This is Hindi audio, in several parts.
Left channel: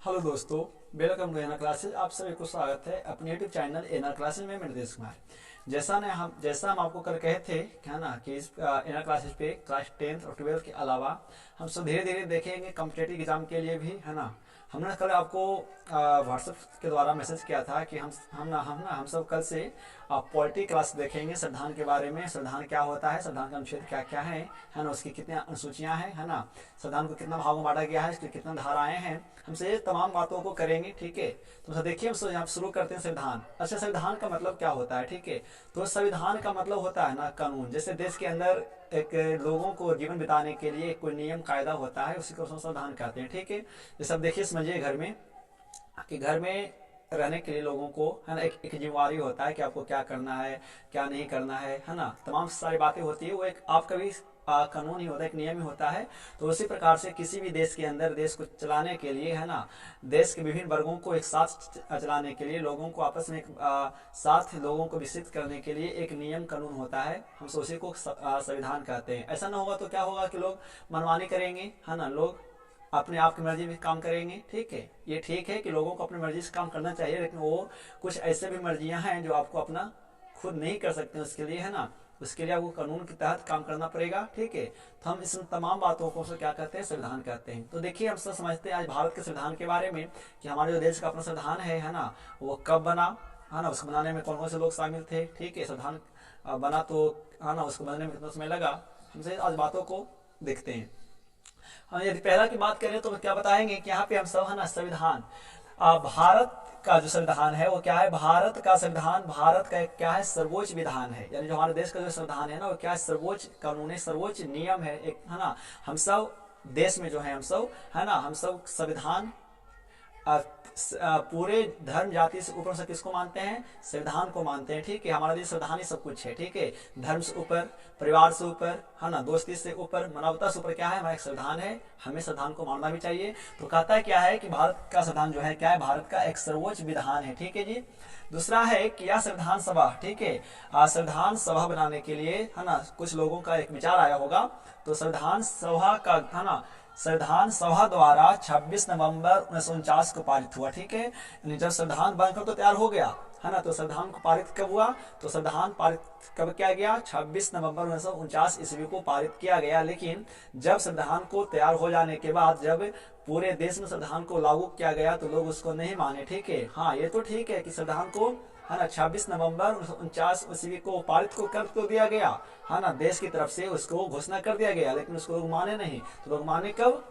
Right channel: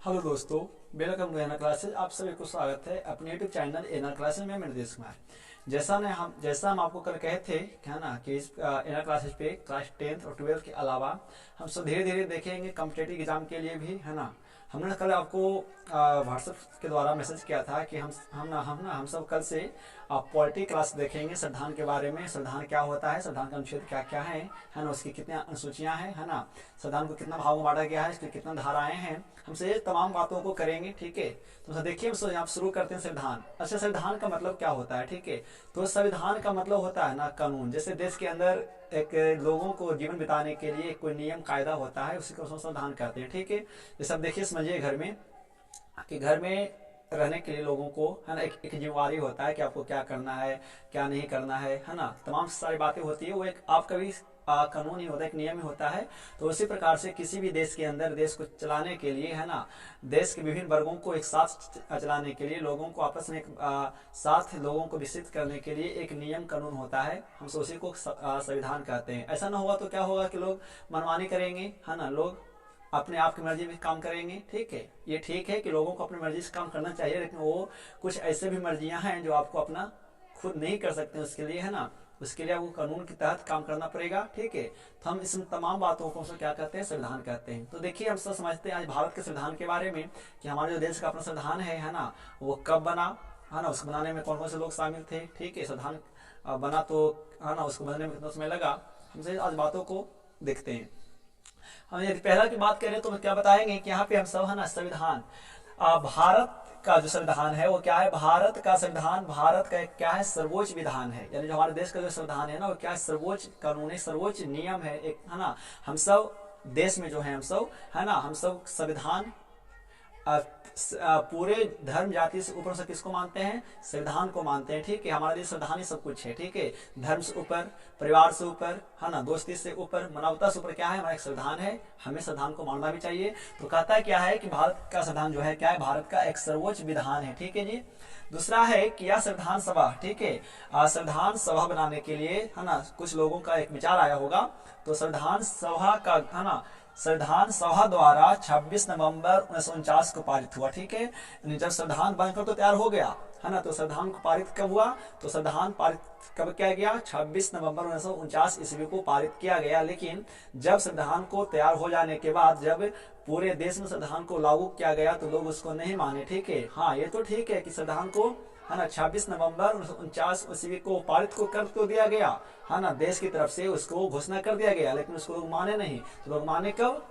हेलो दोस्तों, वेलकम टू एनआर क्लासेज। आप सभी को स्वागत है अपने यूट्यूब चैनल एनआर क्लासेज में। मैं नितेश कुमार। जैसा हम आपको कल कहे थे क्या ना कि इस एनआर क्लासेज पे क्लास 10th और 12th के अलावा हम सब धीरे धीरे देखेंगे कॉम्पिटेटिव एग्जाम के लिए भी, है ना। हमने कल आपको व्हाट्सएप के द्वारा मैसेज किया था कि हम सब कल से पॉलिटी क्लास देखेंगे। संविधान के बारे में, संविधान क्या होता है, संविधान का अनुच्छेद क्या क्या है ना, उसकी कितनी अनुसूचियां हैं, है ना। संविधान को कितना भागों में बांटा गया है, इसकी कितनी धाराएं हैं, हमसे ये तमाम बातों को करेंगे। ठीक है, तो देखिए हम यहाँ शुरू करते हैं संविधान। अच्छा, संविधान का मतलब क्या होता है? ठीक है, तो संविधान का मतलब होता है ना कानून। जैसे देश के अंदर एक लोगों को जीवन बिताने के लिए कोई नियम कायदा होता है, उसी को संविधान कहते हैं। ठीक है, जैसे अब देखिए समझिए घर में कि घर में रहने के लिए लोगों को, है ना, एक जिम्मेवारी होता है कि आपको क्या करना है, क्या नहीं करना है ना। तमाम सारी बातें होती है, वो एक आपका भी कानून ही होता है, एक नियम ही होता है। तो उसी प्रकार से किसी भी देश के अंदर देश को चलाने के लिए, है ना, देश के विभिन्न वर्गों को एक साथ चलाने के लिए, लोगों को आपस में एक साथ लोगों को विकसित करने के लिए एक नियम कानून होता है। हम उसी को संविधान कहते हैं। ऐसा ना होगा तो क्या होगा कि लोग मनमानी करेंगे, है ना, लोग अपने आप की मर्जी में काम करेंगे। ठीक है, ये ठीक है कि लोगों को अपनी मर्जी से काम करना चाहिए, लेकिन वो कुछ ऐसे भी मर्जियां हैं जो आपको अपना खुद नहीं कर सकते उसके लिए, है ना, उसके लिए आपको कानून के तहत काम करना पड़ेगा। ठीक है, तो हम इस तमाम बातों को क्या कहते हैं, संविधान कहते हैं। तो देखिए हम सब समझते हैं आज भारत के संविधान के बारे में कि हमारे जो देश का अपना संविधान है ना, वो कब बना, है ना, उसको बनाने में कौन कौन से लोग शामिल थे। ठीक है, संविधान बना तो, है ना, उसको बनने में कितना समय लगा, हमसे आज बातों को देखते हैं। हम यदि पहला की बात करें तो क्या बताएंगे कि यहाँ पे हम सब, है ना, संविधान, भारत का जो संविधान है वो क्या है? भारत का संविधान भारत का एक क्या है, सर्वोच्च विधान है। यानी जो हमारे देश का जो संविधान है ना, वो क्या है, सर्वोच्च कानून है, सर्वोच्च नियम है एक, है ना। हम सब देश में जो है हम सब, है ना, हम सब संविधान पूरे धर्म जाति से ऊपर से किसको मानते हैं? संविधान को मानते हैं। ठीक है, हमारे लिए संविधान ही सब कुछ है। ठीक है, धर्म से ऊपर, परिवार से ऊपर, है ना, दोस्ती से ऊपर, मानवता से ऊपर क्या है? हमारा एक संविधान है, हमें संविधान को मानना भी चाहिए। तो कहता क्या है कि भारत का संविधान जो है क्या है, भारत का एक सर्वोच्च विधान है। ठीक है जी। दूसरा है कि यह संविधान सभा, ठीक है, संविधान सभा बनाने के लिए, है ना, कुछ लोगों का एक विचार आया होगा। तो संविधान सभा का, है ना, संविधान सभा द्वारा 26 नवंबर 1949 को पारित हुआ। ठीक है, यानी जब संविधान बनकर तो तैयार हो गया, है ना, तो संविधान को पारित कब हुआ? तो संविधान पारित कब किया गया? 26 नवंबर 1949 ईस्वी को पारित किया गया। लेकिन जब संविधान को तैयार हो जाने के बाद जब पूरे देश में संविधान को लागू किया गया तो लोग उसको नहीं माने। ठीक है, हाँ ये तो ठीक है कि संविधान को, है ना, 26 नवंबर 1949 ईस्वी को पारित को कर तो दिया गया, है ना, देश की तरफ से उसको घोषणा कर दिया गया, लेकिन उसको लोग माने नहीं। तो लोग माने कब?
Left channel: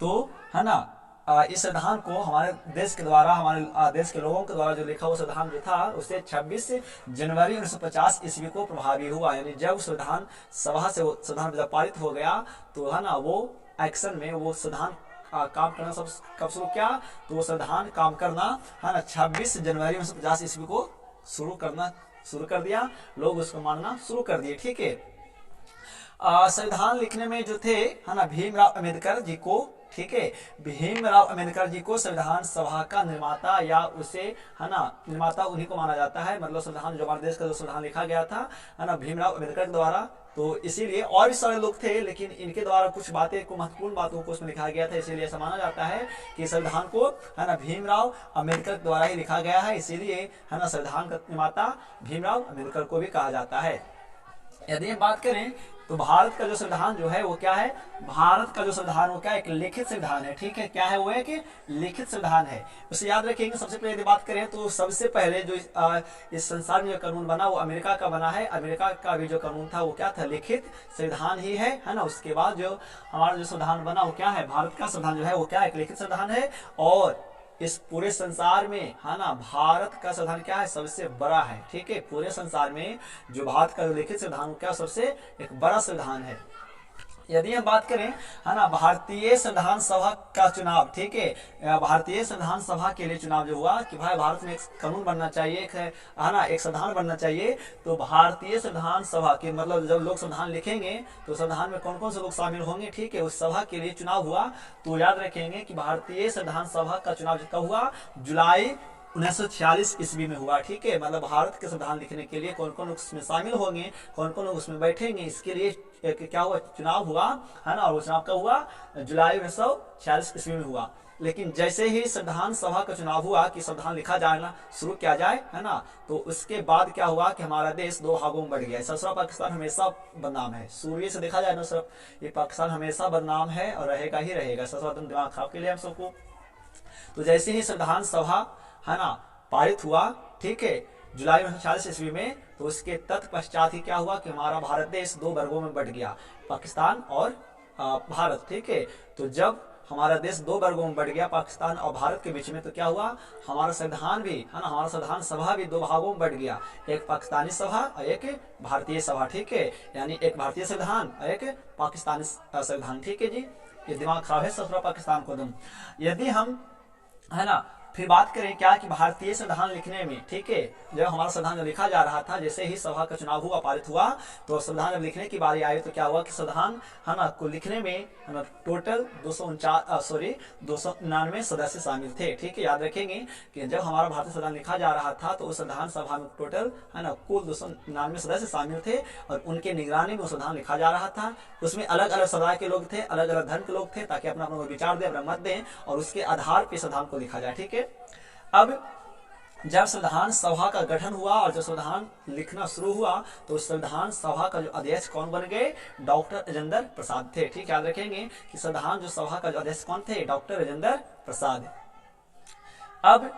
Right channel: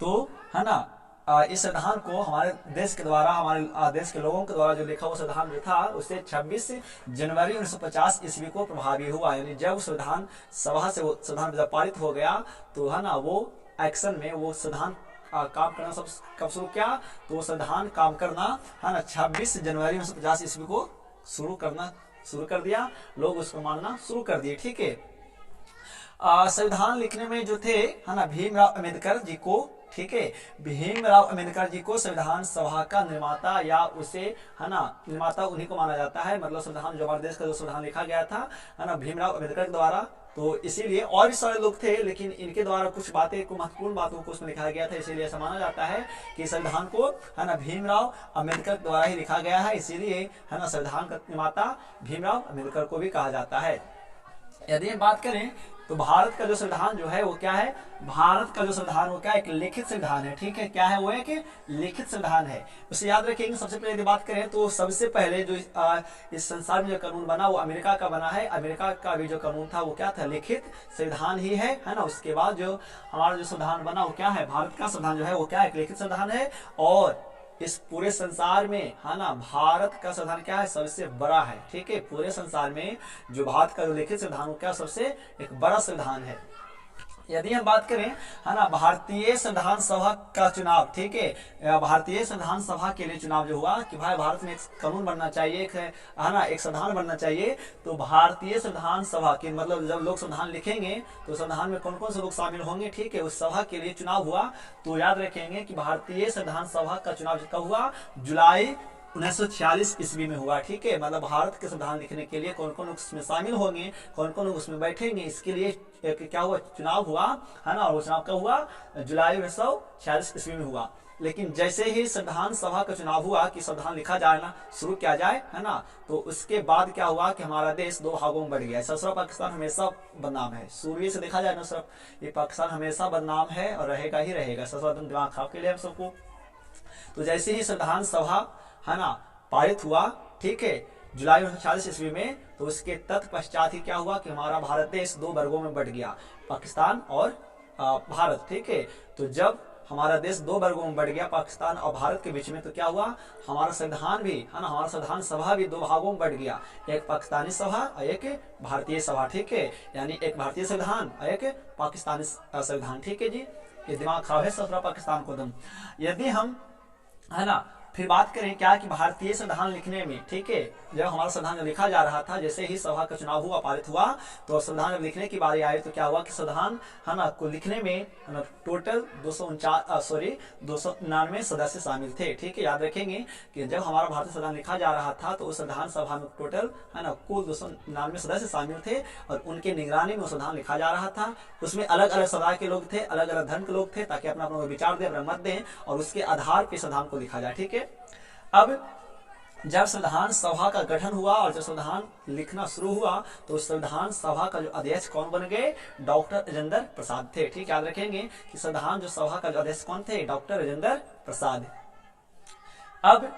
तो, है ना, इस संविधान को हमारे देश के द्वारा, हमारे देश के लोगों के द्वारा जो लिखा हुआ संविधान जो था, उससे 26 जनवरी 1950 ईस्वी को प्रभावी हुआ। यानी जब संविधान सभा से वो संविधान जब पारित हो गया तो, है ना, वो एक्शन में वो संविधान काम करना सब कब शुरू किया? तो वो संविधान काम करना, है ना, 26 जनवरी 1950 ईस्वी को शुरू कर दिया। लोग उसको मानना शुरू कर दिए। ठीक है, संविधान लिखने में जो थे, है ना, भीमराव अम्बेडकर जी को, ठीक है, भीमराव अम्बेडकर जी को संविधान सभा का निर्माता, या उसे, है ना, निर्माता उन्हीं को माना जाता है। मतलब संविधान जो हमारे देश का जो संविधान लिखा गया था, है ना, भीमराव अम्बेडकर के द्वारा। तो इसीलिए और भी सारे लोग थे, लेकिन इनके द्वारा कुछ बातें को, महत्वपूर्ण बातों को उसमें लिखा गया था, इसीलिए ऐसा माना जाता है कि संविधान को, है ना, भीमराव अम्बेडकर द्वारा ही लिखा गया है। इसीलिए, है ना, संविधान का निर्माता भीमराव अम्बेडकर को भी कहा जाता है। यदि हम बात करें तो भारत का जो संविधान जो है वो क्या है? भारत का जो संविधान वो क्या है? एक लिखित संविधान है। ठीक है, क्या है वो? एक लिखित संविधान है। उसे याद रखेंगे। सबसे पहले यदि बात करें तो सबसे पहले जो इस संसार में जो कानून बना वो अमेरिका का बना है। अमेरिका का भी जो कानून था वो क्या था? लिखित संविधान ही है ना। उसके बाद जो हमारा जो संविधान बना वो क्या है? भारत का संविधान जो है वो क्या है? एक लिखित संविधान है। और इस पूरे संसार में, है ना, भारत का संविधान क्या है? सबसे बड़ा है। ठीक है, पूरे संसार में जो भारत का जो लिखित संविधान क्या सबसे एक बड़ा संविधान है। यदि हम बात करें, है ना, भारतीय संविधान सभा का चुनाव, ठीक है, भारतीय संविधान सभा के लिए चुनाव जो हुआ कि भाई भारत में एक कानून बनना चाहिए, है ना, एक संविधान बनना चाहिए। तो भारतीय संविधान सभा के मतलब जब लोग संविधान लिखेंगे तो संविधान में कौन कौन से लोग शामिल होंगे, ठीक है, उस सभा के लिए चुनाव हुआ। तो याद रखेंगे कि भारतीय संविधान सभा का चुनाव कब हुआ? जुलाई 1946 ईस्वी में हुआ। ठीक है, मतलब भारत के संविधान लिखने के लिए कौन कौन लोग उसमें शामिल होंगे, कौन कौन लोग उसमें बैठेंगे, इसके लिए एक क्या हुआ? चुनाव हुआ, है ना। और वो चुनाव कब हुआ? जुलाई 1946 ईस्वी में हुआ। लेकिन जैसे ही संविधान सभा का चुनाव हुआ कि संविधान लिखा जाना शुरू किया जाए, है ना, तो उसके बाद क्या हुआ कि हमारा देश दो भागों में बढ़ गया। ससुरा पाकिस्तान हमेशा बदनाम है, शुरू से देखा जाए ना सर, ये पाकिस्तान हमेशा बदनाम है और रहेगा ही रहेगा। ससुरा एकदम दिमाग खराब के लिए हम सबको। तो जैसे ही संविधान सभा, है ना, पारित हुआ, ठीक है, जुलाई 1946 ईस्वी में, तो उसके तत्पश्चात ही क्या हुआ कि हमारा भारत देश दो वर्गों में बट गया, पाकिस्तान और भारत, ठीक है। तो जब हमारा देश दो वर्गों में बढ़ गया, पाकिस्तान और भारत के बीच में, तो क्या हुआ, हमारा संविधान भी, है ना, हमारा संविधान सभा भी दो भागों में बढ़ गया, एक पाकिस्तानी सभा और एक भारतीय सभा, ठीक है। यानी एक भारतीय संविधान और एक पाकिस्तानी संविधान, ठीक है जी। ये दिमाग खराब है ससुरा पाकिस्तान को तुम। यदि हम, है ना, फिर बात करें क्या कि भारतीय संविधान लिखने में, ठीक है, जब हमारा संविधान जब लिखा जा रहा था, जैसे ही सभा का चुनाव हुआ, पारित हुआ, तो संविधान जब लिखने की बारी आई, तो क्या हुआ कि संविधान, है ना, को लिखने में, है ना, टोटल 299 सदस्य शामिल थे, ठीक है। याद रखेंगे कि जब हमारा भारतीय संविधान लिखा जा रहा था, तो उस संविधान सभा में टोटल, है ना, कुल 299 सदस्य शामिल थे और उनके निगरानी में संविधान लिखा जा रहा था। उसमें अलग अलग समुदाय के लोग थे, अलग अलग धर्म के लोग थे, ताकि अपना अपना विचार दें, अपना मत दें और उसके आधार पर संविधान को लिखा जाए, ठीक है। अब जब संविधान सभा का गठन हुआ और जब संविधान लिखना शुरू हुआ, तो संविधान सभा का जो अध्यक्ष कौन बन गए, डॉक्टर राजेंद्र प्रसाद थे, ठीक। याद रखेंगे कि संविधान जो सभा का जो अध्यक्ष कौन थे, डॉक्टर राजेंद्र प्रसाद। अब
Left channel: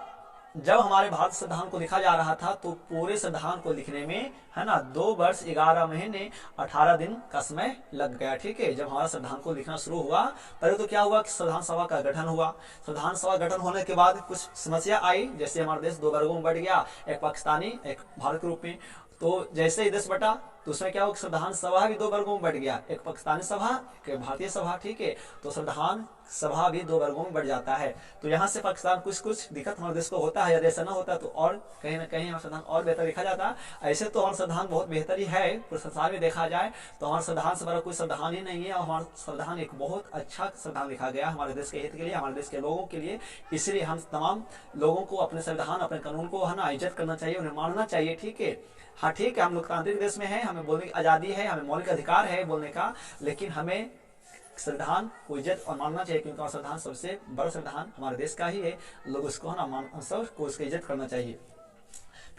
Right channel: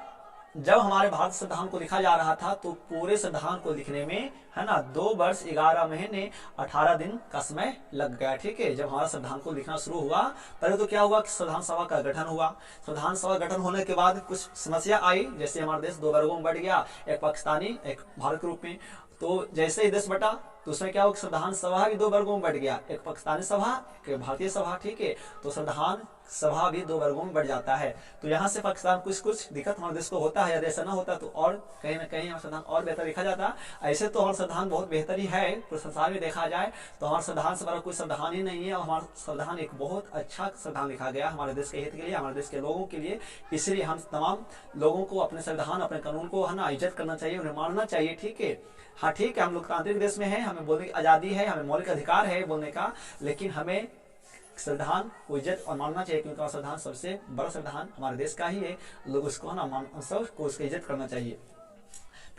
जब हमारे भारत संविधान को लिखा जा रहा था, तो पूरे संविधान को लिखने में, है ना, 2 वर्ष 11 महीने 18 दिन का समय लग गया, ठीक है। जब हमारा संविधान को लिखना शुरू हुआ, पहले तो क्या हुआ कि संविधान सभा का गठन हुआ। संविधान सभा गठन होने के बाद कुछ समस्या आई, जैसे हमारा देश दो वर्गों में बढ़ गया, एक पाकिस्तानी एक भारत के रूप में। तो जैसे ही देश बटा, तो उसमें क्या हुआ कि संविधान सभा भी दो वर्गों में बढ़ गया, एक पाकिस्तानी सभा, एक भारतीय सभा, ठीक है। तो संविधान सभा भी दो वर्गों में बढ़ जाता है। तो यहाँ से पाकिस्तान कुछ दिक्कत हमारे देश को होता है। यदि ऐसा ना होता तो और कहीं ना कहीं हमारा संविधान और बेहतर लिखा जाता। ऐसे तो हमारा संविधान बहुत बेहतर ही है, पूरे संसार में देखा जाए तो हमारे संविधान से बड़ा कोई संविधान ही नहीं है। और हमारा संविधान एक बहुत अच्छा संविधान लिखा गया हमारे देश के हित के लिए, हमारे देश के लोगों के लिए। इसलिए हम तमाम लोगों को अपने संविधान, अपने कानून को, है ना, इज्जत करना चाहिए, उन्हें मानना चाहिए, ठीक है। हाँ ठीक है, हम लोकतांत्रिक देश में हैं, हमें बोलने की आज़ादी है, हमें मौलिक अधिकार है बोलने का, लेकिन हमें संविधान को इज्जत और मानना चाहिए, क्योंकि हमारा संविधान सबसे बड़ा संविधान हमारे देश का ही है। लोग उसको, है ना, सबको उसकी इज्जत करना चाहिए।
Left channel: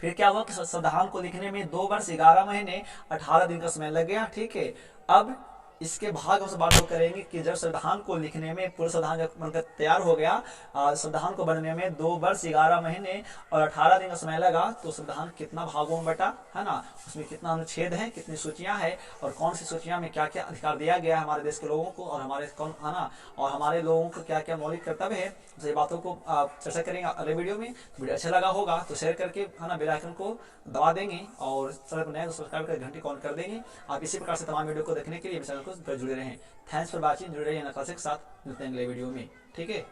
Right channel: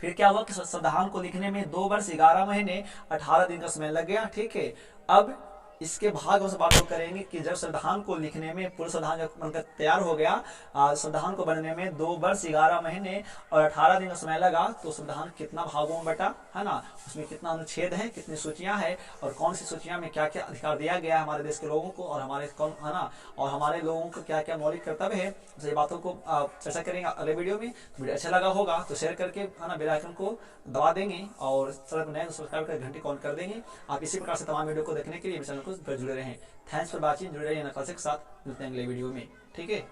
फिर क्या हुआ कि संविधान को लिखने में 2 वर्ष 11 महीने 18 दिन का समय लग गया, ठीक है। अब इसके भाग हम बात करेंगे कि जब संविधान को लिखने में, पूरा संविधान जब बनकर तैयार हो गया, संविधान को बनने में 2 वर्ष 11 महीने और 18 दिन का समय लगा, तो संविधान कितना भागों में बटा, है ना, उसमें कितना अनुच्छेद है, कितनी सूचियां हैं और कौन सी सूचियां में क्या क्या अधिकार दिया गया है हमारे देश के लोगों को, और हमारे कौन, है ना, और हमारे लोगों को क्या क्या मौलिक कर्तव्य है। तो ये बातों को चर्चा करेंगे अगले वीडियो में। तो वीडियो अच्छा लगा होगा तो शेयर करके, है ना, बेल आइकन को दबा देंगे और चैनल पर नए तो सब्सक्राइब कर घंटी ऑन कर देंगे। आप इसी प्रकार से तमाम वीडियो को देखने के लिए चैनल को जुड़े रहें। थैंक्स फॉर वॉचिंग, जुड़े रहिए नकाशे के साथ, मिलते हैं अगले वीडियो में, ठीक है।